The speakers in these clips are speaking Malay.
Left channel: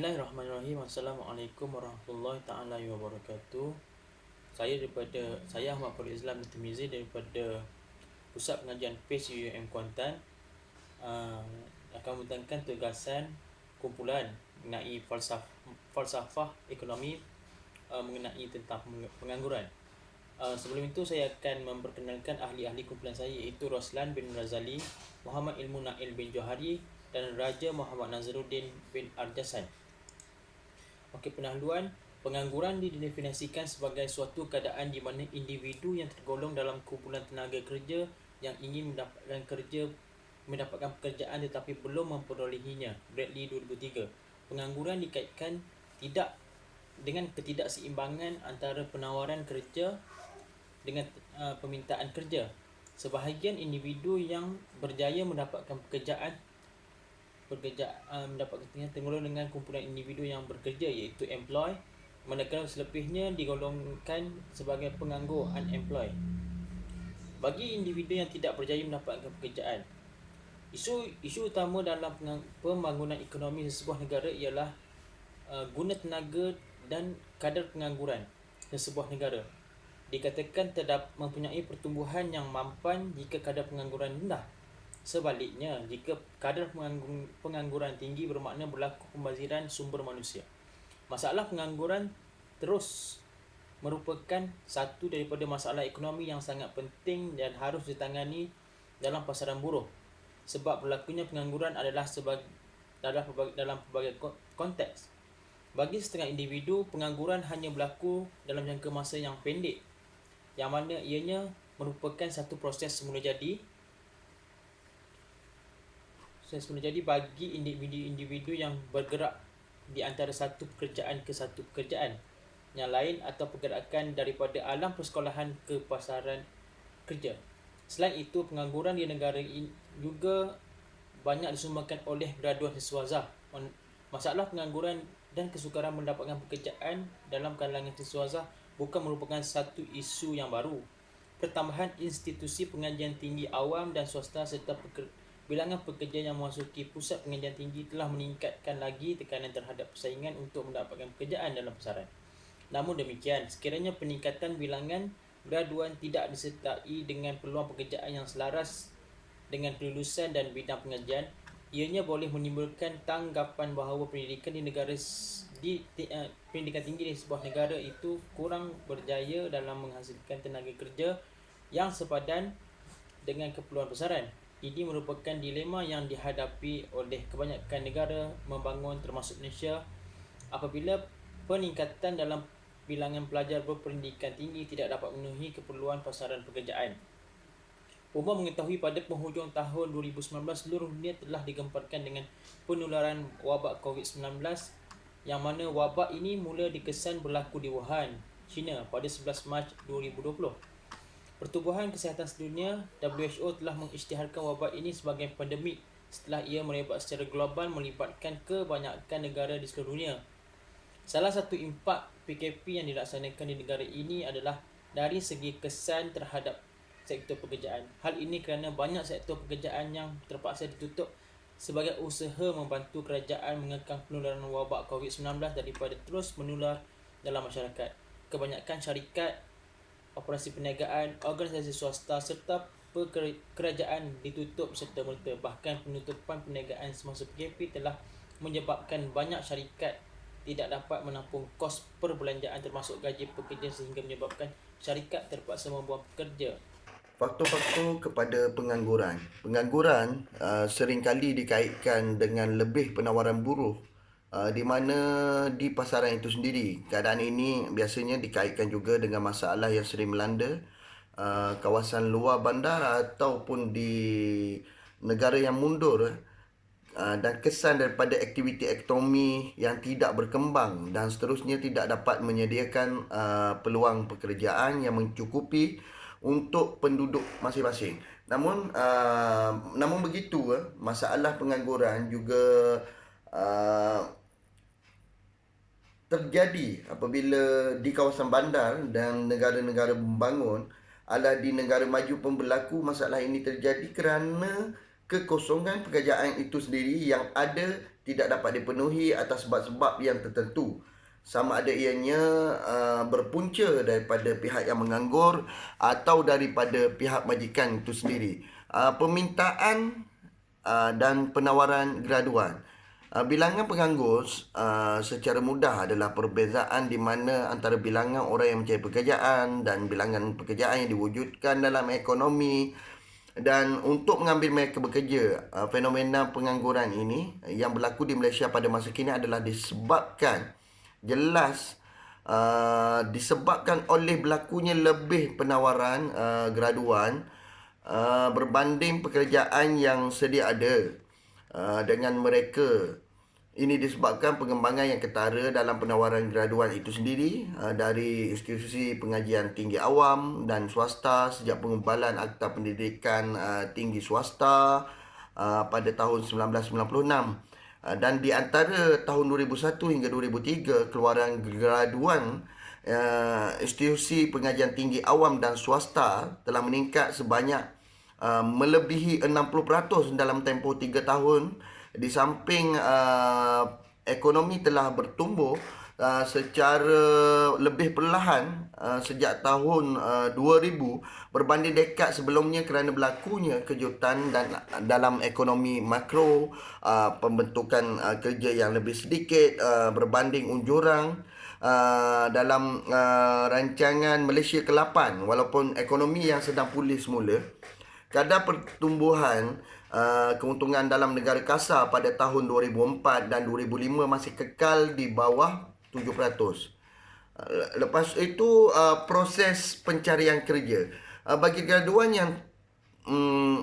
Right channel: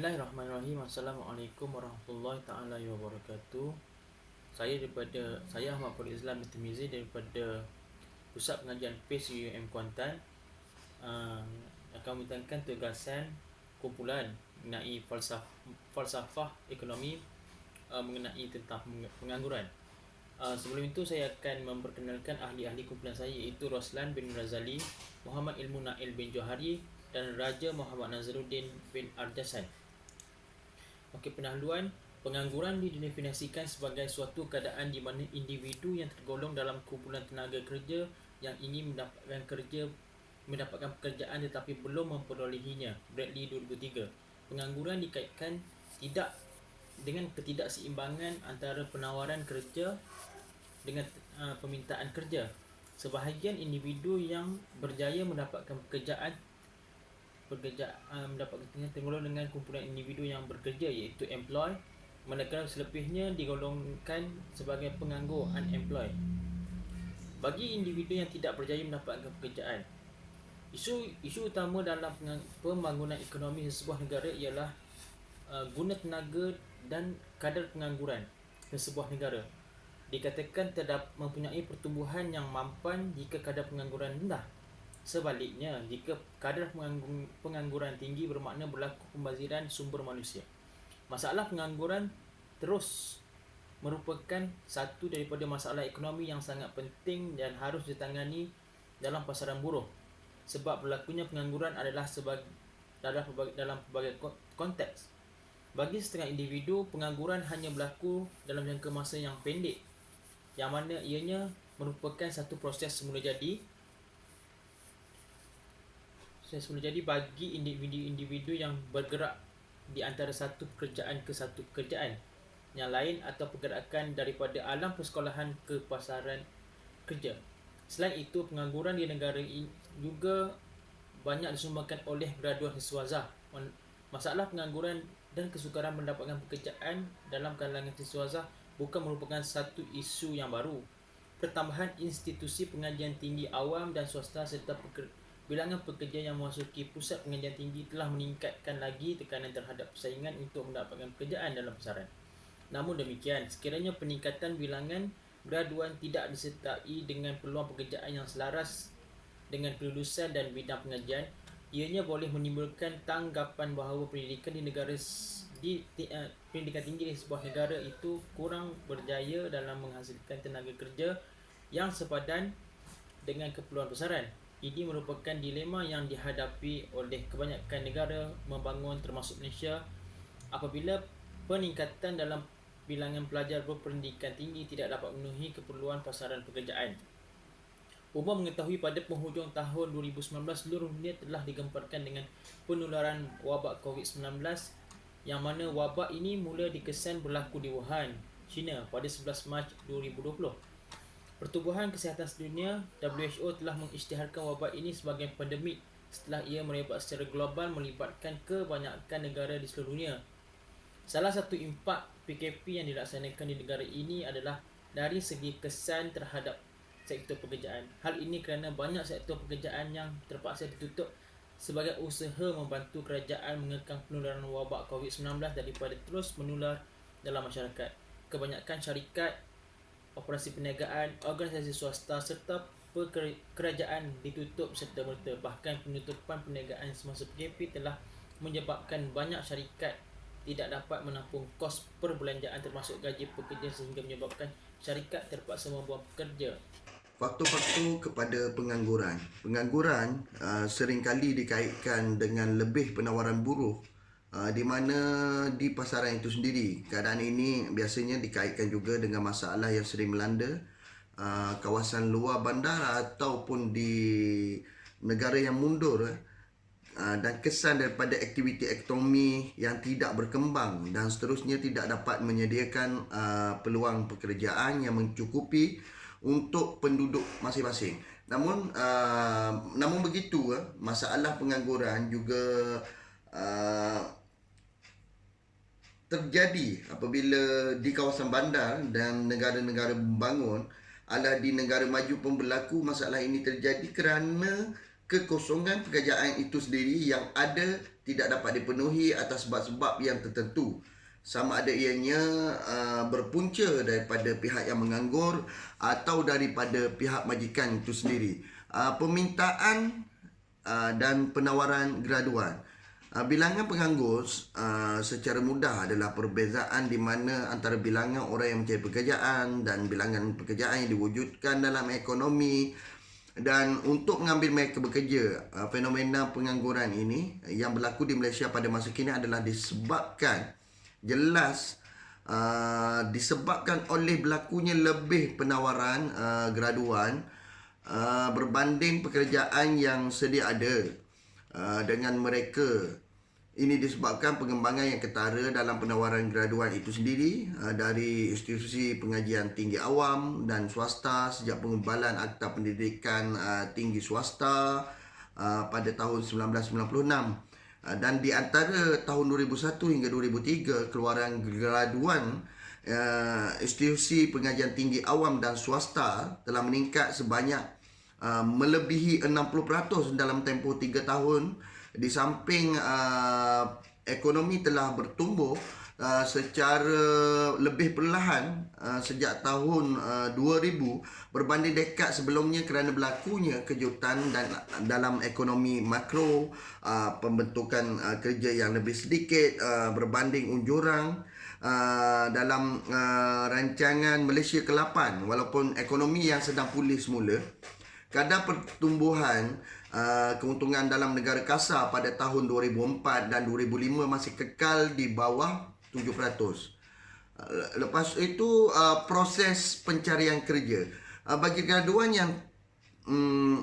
Bismillahirrahmanirrahim. Assalamualaikum warahmatullahi taala wabarakatuh. Saya Ahmad Farid Islam Tirmizi daripada Pusat Pengajian PACE UUM Kuantan, akan membentangkan tugasan kumpulan mengenai falsafah ekonomi, mengenai tentang pengangguran. Sebelum itu saya akan memperkenalkan ahli-ahli kumpulan saya, iaitu Roslan bin Razali, Muhammad Ilmu Nail bin Johari dan Raja Muhammad Nazruddin bin Arjasan. Okey, pendahuluan. Pengangguran didefinisikan sebagai suatu keadaan di mana individu yang tergolong dalam kumpulan tenaga kerja yang ingin mendapatkan pekerjaan tetapi belum memperolehinya. Bradley 2003. Pengangguran dikaitkan dengan ketidakseimbangan antara penawaran kerja dengan permintaan kerja. Sebahagian individu yang berjaya mendapatkan pekerjaan tergolong dengan kumpulan individu yang bekerja, iaitu employed, manakala selebihnya digolongkan sebagai penganggur, unemployed. Bagi individu yang tidak berjaya mendapatkan pekerjaan, isu utama dalam pembangunan ekonomi sebuah negara ialah guna tenaga dan kadar pengangguran di sebuah negara. Dikatakan mempunyai pertumbuhan yang mampan jika kadar pengangguran rendah. Sebaliknya, jika kadar pengangguran tinggi bermakna berlaku pembaziran sumber manusia. Masalah pengangguran terus merupakan satu daripada masalah ekonomi yang sangat penting dan harus ditangani dalam pasaran buruh. Sebab berlakunya pengangguran adalah dalam pelbagai konteks. Bagi setengah individu, pengangguran hanya berlaku dalam jangka masa yang pendek, yang mana ianya merupakan satu proses semula jadi bagi individu yang bergerak di antara satu pekerjaan ke satu pekerjaan yang lain, atau pergerakan daripada alam persekolahan ke pasaran kerja. Selain itu, pengangguran di negara ini juga banyak disumbangan oleh graduan siswaza. Masalah pengangguran dan kesukaran mendapatkan pekerjaan dalam kalangan siswaza bukan merupakan satu isu yang baru. Pertambahan institusi pengajian tinggi awam dan swasta serta bilangan pekerja yang memasuki pusat pengajian tinggi telah meningkatkan lagi tekanan terhadap persaingan untuk mendapatkan pekerjaan dalam pasaran. Namun demikian, sekiranya peningkatan bilangan graduan tidak disertai dengan peluang pekerjaan yang selaras dengan kelulusan dan bidang pengajian, ianya boleh menimbulkan tanggapan bahawa pendidikan tinggi di sebuah negara itu kurang berjaya dalam menghasilkan tenaga kerja yang sepadan dengan keperluan pasaran. Ini merupakan dilema yang dihadapi oleh kebanyakan negara membangun, termasuk Malaysia, apabila peningkatan dalam bilangan pelajar berpendidikan tinggi tidak dapat memenuhi keperluan pasaran pekerjaan. Umum mengetahui pada penghujung tahun 2019 seluruh dunia telah digemparkan dengan penularan wabak COVID-19, yang mana wabak ini mula dikesan berlaku di Wuhan, China pada 11 Mac 2020. Pertubuhan Kesihatan Sedunia WHO telah mengisytiharkan wabak ini sebagai pandemik setelah ia merebak secara global melibatkan kebanyakan negara di seluruh dunia. Salah satu impak PKP yang dilaksanakan di negara ini adalah dari segi kesan terhadap sektor pekerjaan. Hal ini kerana banyak sektor pekerjaan yang terpaksa ditutup sebagai usaha membantu kerajaan mengekang penularan wabak COVID-19 daripada terus menular dalam masyarakat. Kebanyakan syarikat, operasi perniagaan, organisasi swasta serta kerajaan ditutup serta-merta. Bahkan penutupan perniagaan semasa PKP telah menyebabkan banyak syarikat tidak dapat menampung kos perbelanjaan termasuk gaji pekerja, sehingga menyebabkan syarikat terpaksa membuang pekerja. Faktor-faktor kepada pengangguran. Pengangguran seringkali dikaitkan dengan lebih penawaran buruh, di mana di pasaran itu sendiri. Keadaan ini biasanya dikaitkan juga dengan masalah yang sering melanda kawasan luar bandar ataupun di negara yang mundur, dan kesan daripada aktiviti ekonomi yang tidak berkembang dan seterusnya tidak dapat menyediakan peluang pekerjaan yang mencukupi untuk penduduk masing-masing. Namun begitu, masalah pengangguran juga terjadi apabila di kawasan bandar dan negara-negara membangun. Adalah di negara maju pun berlaku masalah ini terjadi kerana kekosongan pekerjaan itu sendiri yang ada tidak dapat dipenuhi atas sebab-sebab yang tertentu, sama ada ianya berpunca daripada pihak yang menganggur atau daripada pihak majikan itu sendiri. Permintaan dan penawaran graduan. Bilangan penganggur secara mudah adalah perbezaan di mana antara bilangan orang yang mencari pekerjaan dan bilangan pekerjaan yang diwujudkan dalam ekonomi. Dan untuk mengambil mereka bekerja, fenomena pengangguran ini yang berlaku di Malaysia pada masa kini adalah disebabkan oleh berlakunya lebih penawaran graduan berbanding pekerjaan yang sedia ada dengan mereka. Ini disebabkan pengembangan yang ketara dalam penawaran graduan itu sendiri dari institusi pengajian tinggi awam dan swasta sejak pengubalan Akta Pendidikan Tinggi Swasta pada tahun 1996. Dan di antara tahun 2001 hingga 2003, keluaran graduan institusi pengajian tinggi awam dan swasta telah meningkat sebanyak melebihi 60% dalam tempoh 3 tahun. Di samping ekonomi telah bertumbuh secara lebih perlahan sejak tahun 2000 berbanding dekad sebelumnya kerana berlakunya kejutan dan dalam ekonomi makro, pembentukan kerja yang lebih sedikit berbanding unjurang dalam rancangan Malaysia ke-8. Walaupun ekonomi yang sedang pulih semula, kadar pertumbuhan keuntungan dalam negara kasar pada tahun 2004 dan 2005 masih kekal di bawah 7%. Lepas itu proses pencarian kerja bagi graduan yang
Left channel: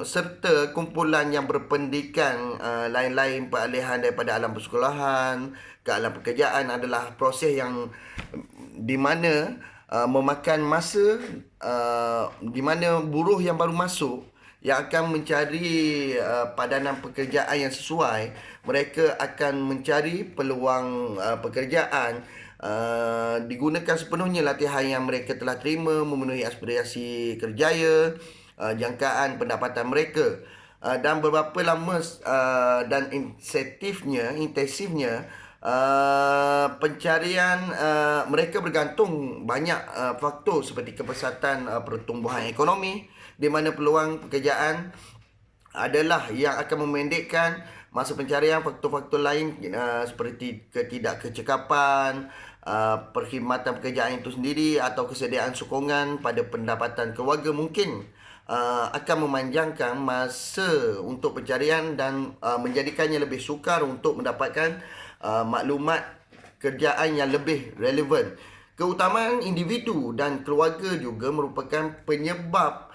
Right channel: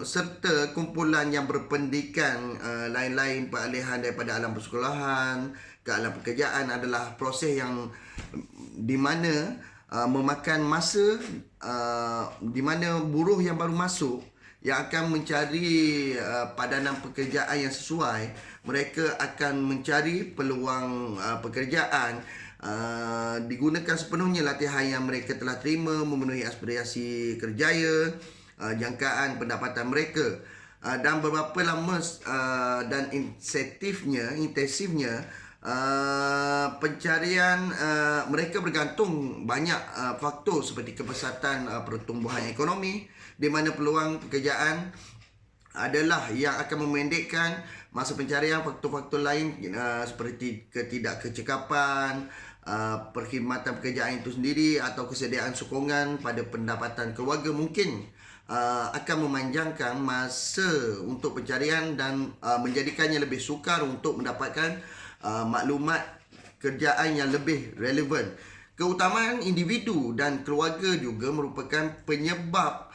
serta kumpulan yang berpendidikan lain-lain peralihan daripada alam persekolahan ke alam pekerjaan adalah proses yang di mana memakan masa, di mana buruh yang baru masuk yang akan mencari padanan pekerjaan yang sesuai, mereka akan mencari peluang pekerjaan, digunakan sepenuhnya latihan yang mereka telah terima memenuhi aspirasi kerjaya, jangkaan pendapatan mereka, dan beberapa lama dan intensifnya pencarian mereka bergantung banyak faktor seperti kepesatan pertumbuhan ekonomi, di mana peluang pekerjaan adalah yang akan memendekkan masa pencarian. Faktor-faktor lain seperti ketidakkecekapan, perkhidmatan pekerjaan itu sendiri atau kesediaan sokongan pada pendapatan keluarga mungkin akan memanjangkan masa untuk pencarian dan menjadikannya lebih sukar untuk mendapatkan maklumat kerjaan yang lebih relevan. Keutamaan individu dan keluarga juga merupakan penyebab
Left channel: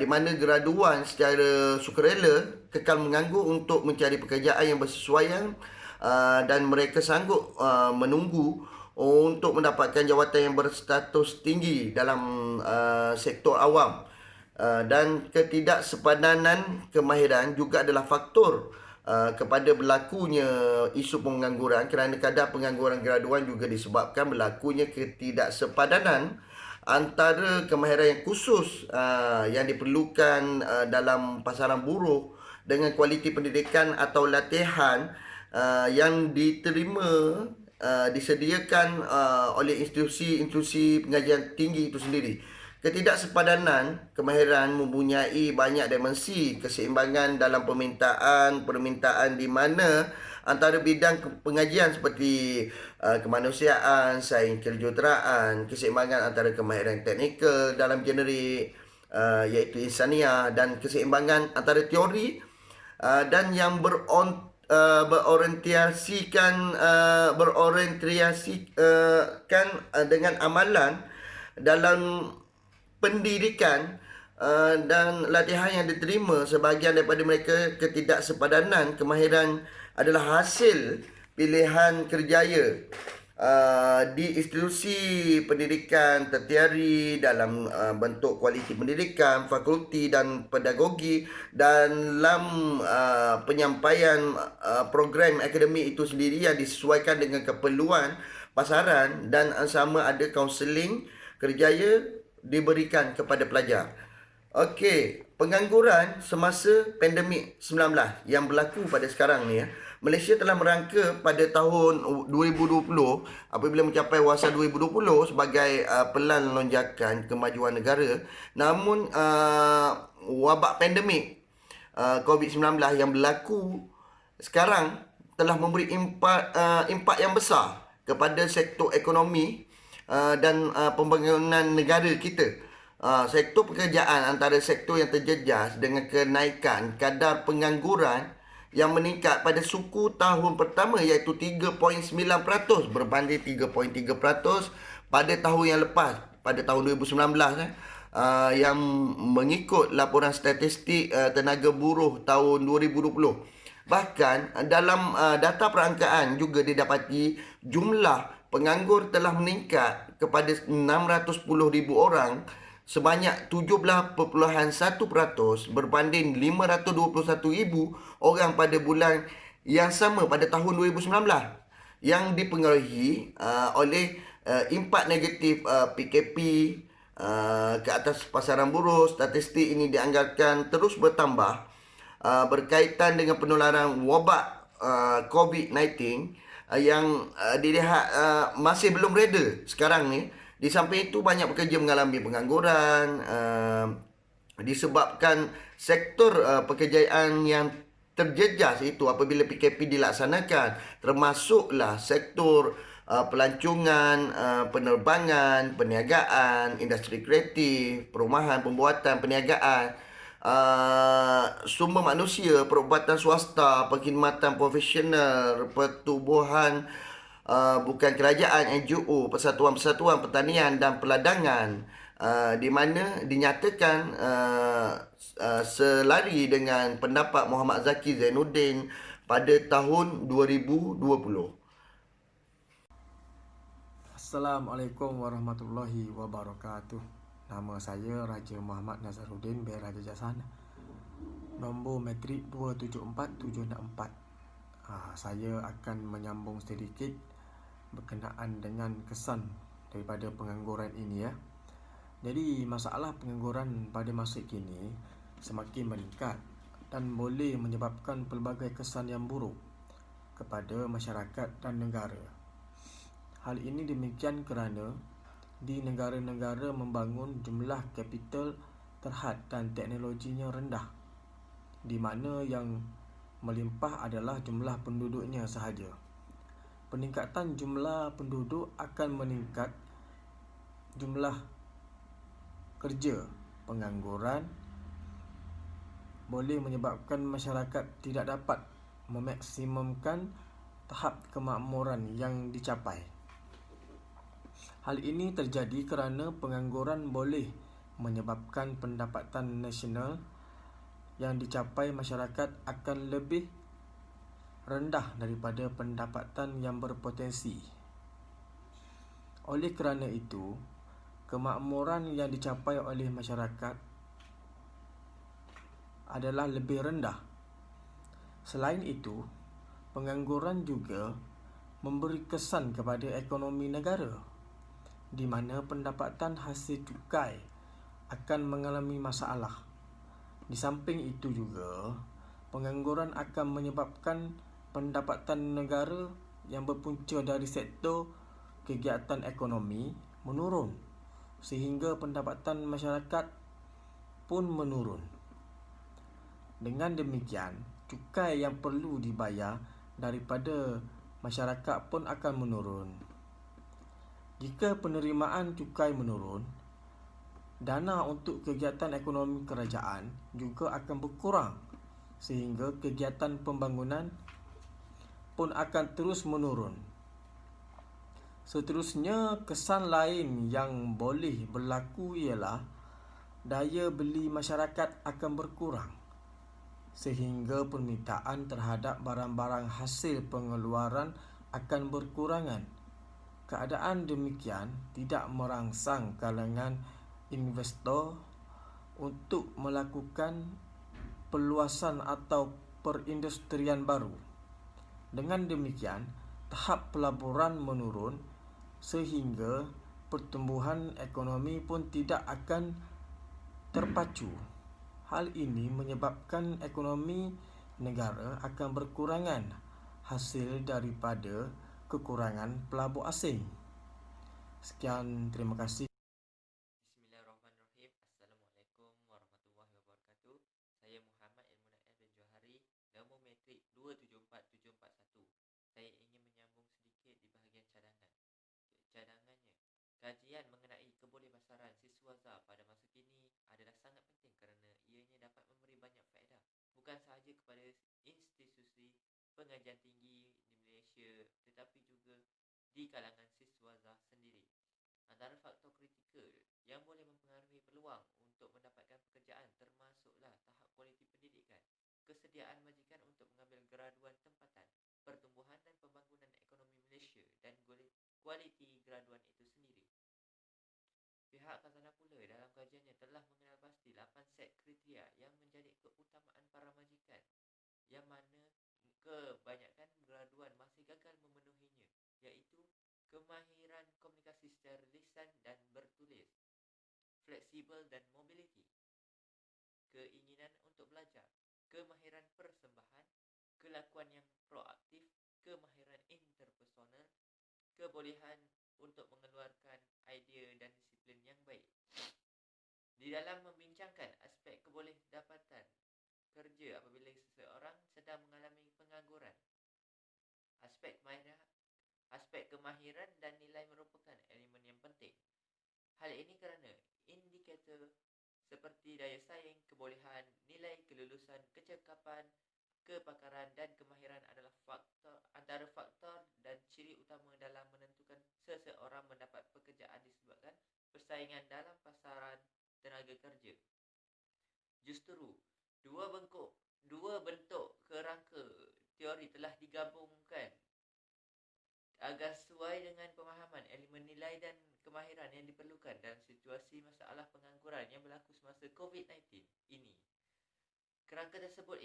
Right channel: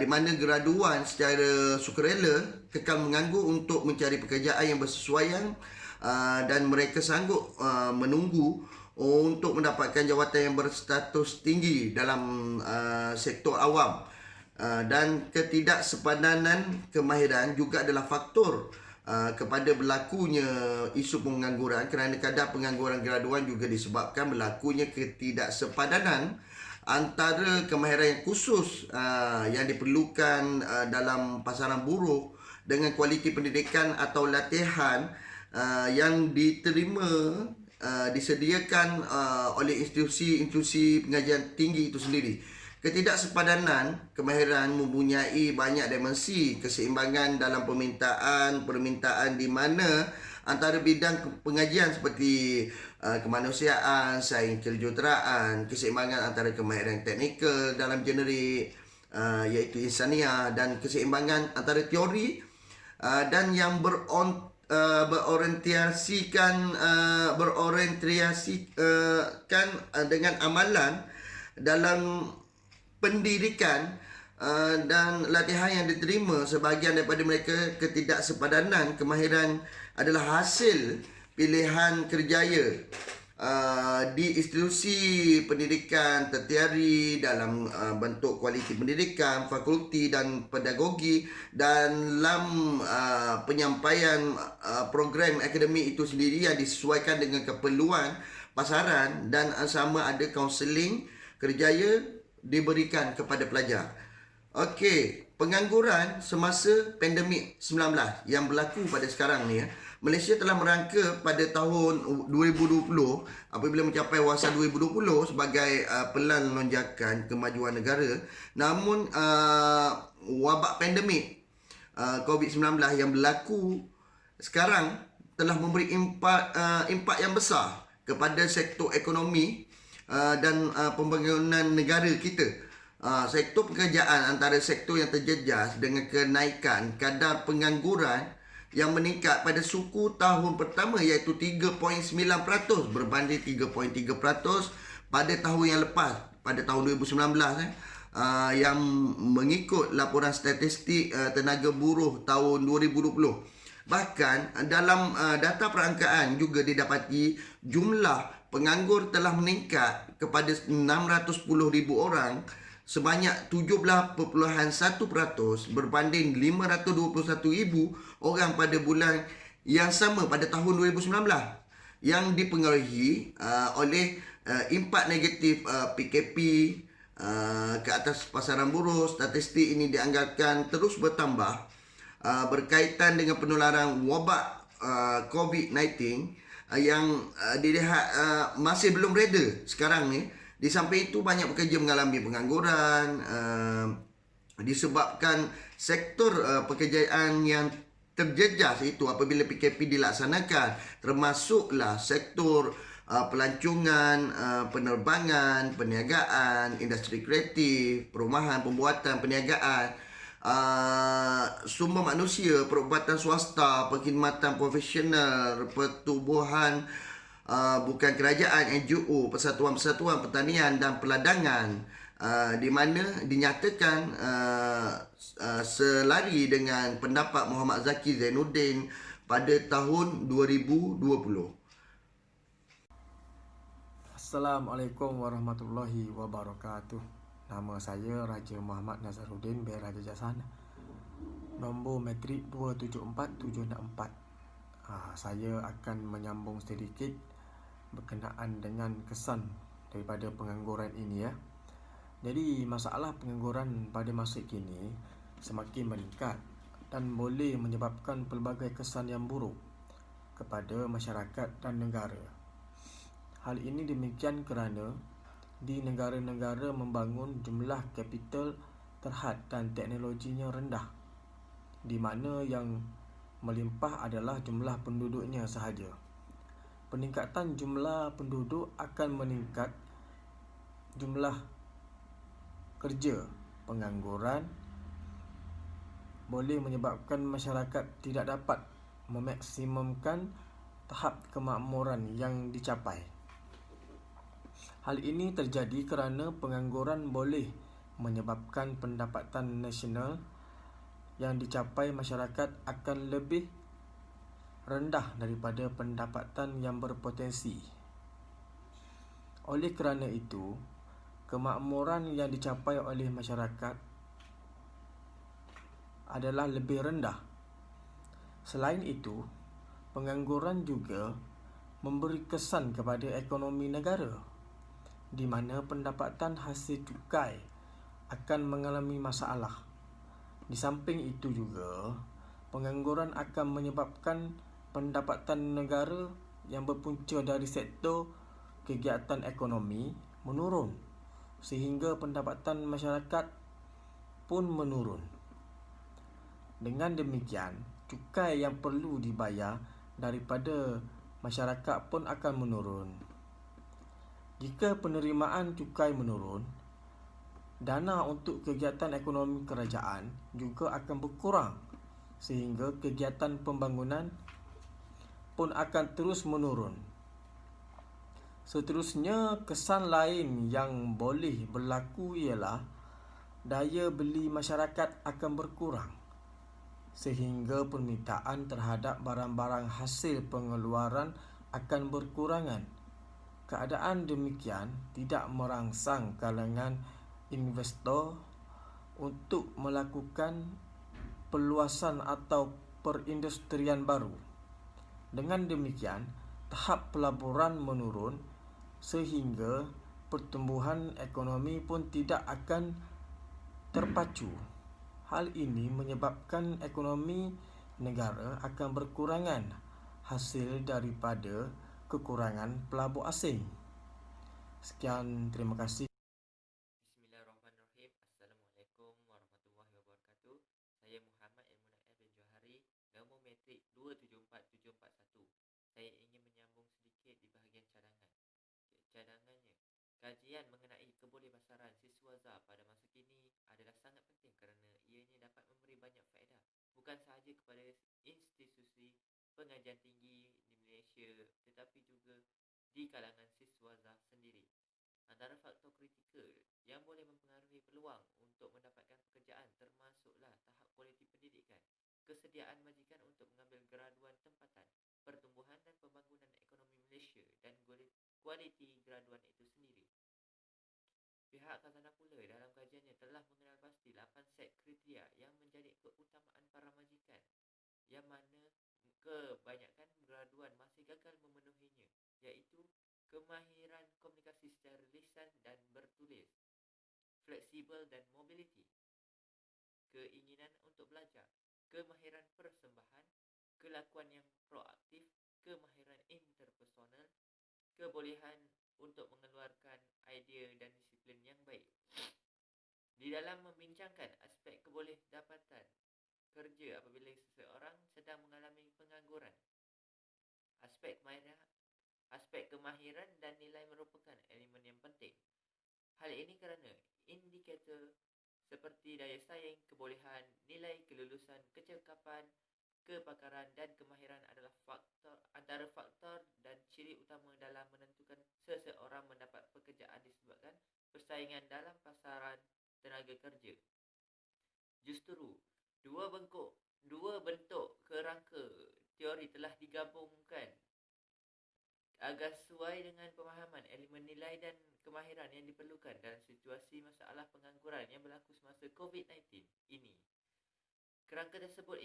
di mana graduan secara sukarela kekal menganggur untuk mencari pekerjaan yang bersesuaian dan mereka sanggup menunggu untuk mendapatkan jawatan yang berstatus tinggi dalam sektor awam. Dan ketidaksepadanan kemahiran juga adalah faktor kepada berlakunya isu pengangguran, kerana kadar pengangguran graduan juga disebabkan berlakunya ketidaksepadanan antara kemahiran yang khusus yang diperlukan dalam pasaran buruh dengan kualiti pendidikan atau latihan yang diterima disediakan oleh institusi pengajian tinggi itu sendiri. Ketidaksepadanan kemahiran mempunyai banyak dimensi keseimbangan dalam permintaan di mana antara bidang pengajian seperti kemanusiaan, sains kejuruteraan, keseimbangan antara kemahiran teknikal dalam generik iaitu insaniah, dan keseimbangan antara teori dan yang berorientasikan dengan amalan dalam pendidikan dan latihan yang diterima. Sebahagian daripada mereka ketidaksepadanan kemahiran adalah hasil pilihan kerjaya di institusi pendidikan tertiari dalam bentuk kualiti pendidikan, fakulti dan pedagogi, dalam penyampaian program akademik itu sendiri yang disesuaikan dengan keperluan pasaran, dan sama ada kaunseling kerjaya diberikan kepada pelajar. Okey, pengangguran semasa pandemik 19 yang berlaku pada sekarang ni Malaysia telah merangka pada tahun 2020 apabila mencapai wasa 2020 sebagai pelan lonjakan kemajuan negara. Namun wabak pandemik COVID-19 yang berlaku sekarang telah memberi impak yang besar kepada sektor ekonomi dan pembangunan negara kita. Sektor pekerjaan antara sektor yang terjejas dengan kenaikan kadar pengangguran yang meningkat pada suku tahun pertama iaitu 3.9% berbanding 3.3% pada tahun yang lepas, pada tahun 2019 yang mengikut laporan statistik tenaga buruh tahun 2020. Bahkan dalam data perangkaan juga didapati jumlah penganggur telah meningkat kepada 610,000 orang sebanyak 17.1% berbanding 521,000 orang pada bulan yang sama pada tahun 2019 yang dipengaruhi oleh impak negatif PKP ke atas pasaran buruh. Statistik ini dianggarkan terus bertambah berkaitan dengan penularan wabak COVID-19 yang dilihat masih belum reda sekarang ni. Di samping itu, banyak pekerja mengalami pengangguran disebabkan sektor pekerjaan yang terjejas itu apabila PKP dilaksanakan, termasuklah sektor pelancongan, penerbangan, perniagaan, industri kreatif, perumahan, pembuatan, perniagaan, sumber manusia, perubatan swasta, perkhidmatan profesional, pertubuhan bukan kerajaan, NGO, persatuan-persatuan pertanian dan peladangan, di mana dinyatakan selari dengan pendapat Muhammad Zaki Zainuddin pada tahun 2020. Assalamualaikum warahmatullahi wabarakatuh. Nama saya Raja Muhammad Nazaruddin bin Raja Jasan. Nombor matrik 274764. Saya akan menyambung sedikit berkenaan dengan kesan daripada pengangguran ini ya. Jadi masalah pengangguran pada masa kini semakin meningkat dan boleh menyebabkan pelbagai kesan yang buruk kepada masyarakat dan negara. Hal ini demikian kerana di negara-negara membangun jumlah kapital terhad dan teknologinya rendah, di mana yang melimpah adalah jumlah penduduknya sahaja. Peningkatan jumlah penduduk akan meningkat jumlah kerja. Pengangguran boleh menyebabkan masyarakat tidak dapat memaksimumkan tahap kemakmuran yang dicapai. Hal ini terjadi kerana pengangguran boleh menyebabkan pendapatan nasional yang dicapai masyarakat akan lebih rendah daripada pendapatan yang berpotensi. Oleh kerana itu, kemakmuran yang dicapai oleh masyarakat adalah lebih rendah. Selain itu, pengangguran juga memberi kesan kepada ekonomi negara, di mana pendapatan hasil cukai akan mengalami masalah. Di samping itu juga, pengangguran akan menyebabkan pendapatan negara yang berpunca dari sektor kegiatan ekonomi menurun, sehingga pendapatan masyarakat pun menurun. Dengan demikian, cukai yang perlu dibayar daripada masyarakat pun akan menurun. Jika penerimaan cukai menurun, dana untuk kegiatan ekonomi kerajaan juga akan berkurang, sehingga kegiatan pembangunan pun akan terus menurun. Seterusnya, kesan lain yang boleh berlaku ialah daya beli masyarakat akan berkurang, sehingga permintaan terhadap barang-barang hasil pengeluaran akan berkurangan. Keadaan demikian tidak merangsang kalangan investor untuk melakukan perluasan atau perindustrian baru. Dengan demikian, tahap pelaburan menurun sehingga pertumbuhan ekonomi pun tidak akan terpacu. Hal ini menyebabkan ekonomi negara akan berkurangan hasil daripada kekurangan pelabur asing. Sekian, terima kasih. Bismillahirrahmanirrahim. Assalamualaikum warahmatullahi wabarakatuh. Saya Muhammad Ilmunaif bin Johari, nombor metrik 274741. Saya ingin menyambung sedikit di bahagian cadangan. Cadangannya, kajian mengenai kebolehpasaran siswaza pada masa kini adalah sangat penting kerana ianya dapat memberi banyak faedah bukan sahaja kepada institusi pengajian tinggi di Malaysia tetapi juga di kalangan siswaza sendiri. Antara faktor kritikal yang boleh mempengaruhi peluang untuk mendapatkan pekerjaan termasuklah tahap kualiti pendidikan, kesediaan majikan untuk mengambil graduan tempatan, pertumbuhan dan pembangunan ekonomi Malaysia dan kualiti graduan itu sendiri. Pihak khazanah pula dalam kajiannya telah mengenal pasti 8 set kriteria yang menjadi keutamaan para majikan yang mana kebanyakan graduan masih gagal memenuhinya, iaitu kemahiran komunikasi secara lisan dan bertulis, fleksibel dan mobiliti, keinginan untuk belajar, kemahiran persembahan, kelakuan yang proaktif, kemahiran interpersonal, kebolehan untuk mengeluarkan idea dan disiplin yang baik. Di dalam membincangkan aspek kebolehdapatan kerja apabila seseorang sedang mengalami pengangguran, aspek kemahiran dan nilai merupakan elemen yang penting. Hal ini kerana indikator seperti daya saing, kebolehan, nilai kelulusan, kecakapan, kepakaran dan kemahiran adalah antara faktor dan ciri utama dalam menentukan seseorang mendapat pekerjaan disebabkan persaingan dalam pasaran tenaga kerja. Justru, dua bentuk kerangka teori telah digabungkan agar sesuai dengan pemahaman elemen nilai dan kemahiran yang diperlukan dalam situasi masalah pengangguran yang berlaku semasa COVID-19 ini. Kerangka tersebut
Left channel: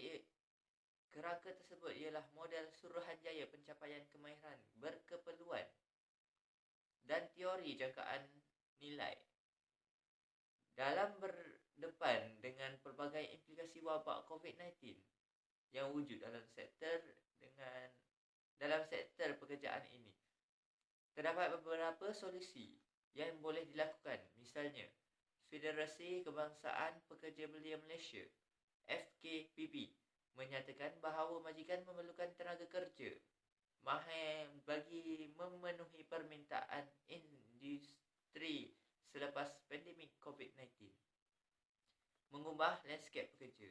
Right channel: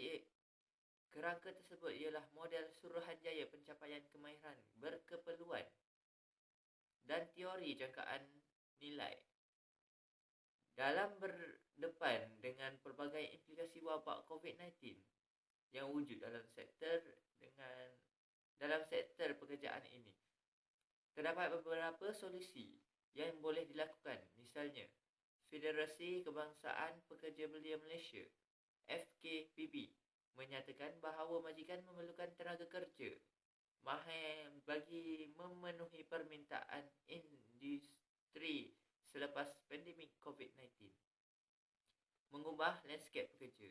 ialah model Suruhanjaya Pencapaian Kemahiran Berkeperluan dan teori jangkaan nilai. Dalam berdepan dengan pelbagai implikasi wabak COVID-19 yang wujud dalam sektor pekerjaan ini, terdapat beberapa solusi yang boleh dilakukan. Misalnya, Federasi Kebangsaan Pekerja Belia Malaysia FKPB menyatakan bahawa majikan memerlukan tenaga kerja mahir bagi memenuhi permintaan industri selepas pandemik COVID-19. Mengubah lanskap pekerja.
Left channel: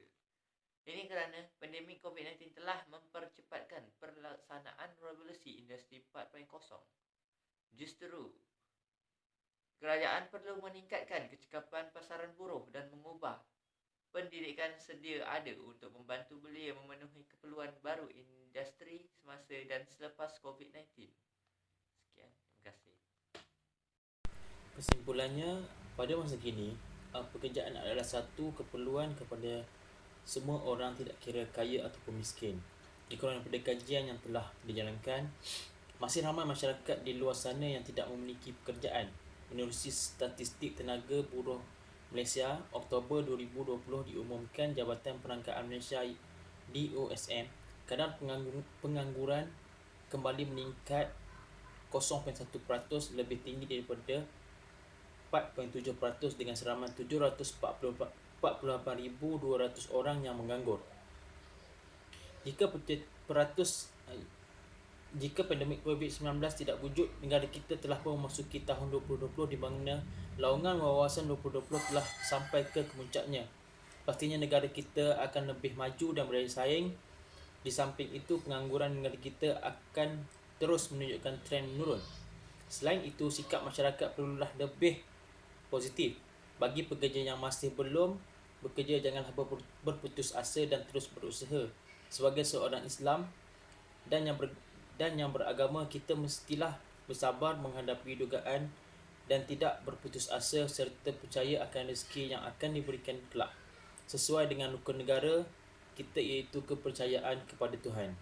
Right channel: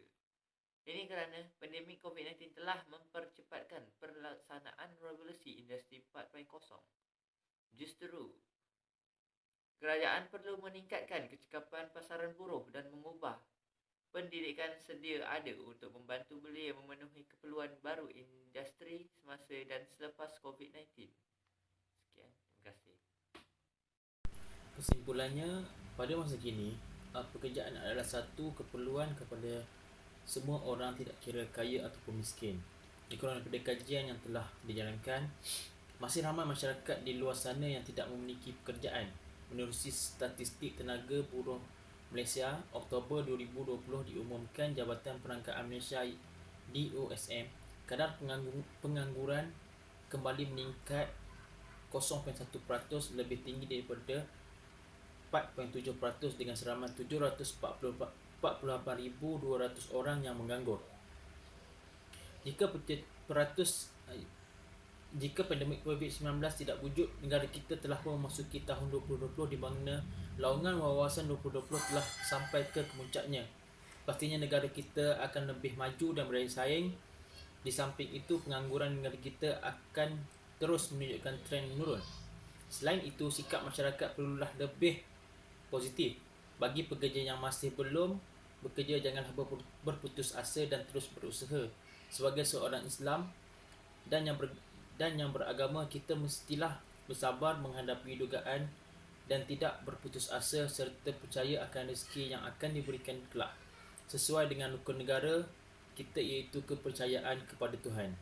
Ini kerana pandemik COVID-19 telah mempercepatkan pelaksanaan revolusi industri 4.0. Justru, kerajaan perlu meningkatkan kecekapan pasaran buruh dan mengubah pendidikan sedia ada untuk membantu belia memenuhi keperluan baru industri semasa dan selepas COVID-19. Sekian, terima kasih. Kesimpulannya, pada masa kini, pekerjaan adalah satu keperluan kepada semua orang, tidak kira kaya ataupun miskin. Dikurang daripada kajian yang telah dijalankan, masih ramai masyarakat di luar sana yang tidak memiliki pekerjaan. Menerusi statistik tenaga buruh Malaysia, Oktober 2020 diumumkan Jabatan Perangkaan Malaysia DOSM, kadar pengangguran kembali meningkat 0.1%, lebih tinggi daripada 4.7% dengan seramai 748,200 orang yang menganggur. Jika pandemik COVID-19 tidak wujud, negara kita telah pun memasuki tahun 2020 di mana laungan wawasan 2020 telah sampai ke kemuncaknya. Pastinya negara kita akan lebih maju dan berdaya saing. Di samping itu, pengangguran negara kita akan terus menunjukkan trend menurun. Selain itu, sikap masyarakat perlulah lebih positif. Bagi pekerja yang masih belum bekerja, janganlah berputus asa dan terus berusaha. Sebagai seorang Islam dan yang beragama, kita mestilah bersabar menghadapi dugaan dan tidak berputus asa serta percaya akan rezeki yang akan diberikan kelak sesuai dengan rukun negara kita, iaitu kepercayaan kepada Tuhan.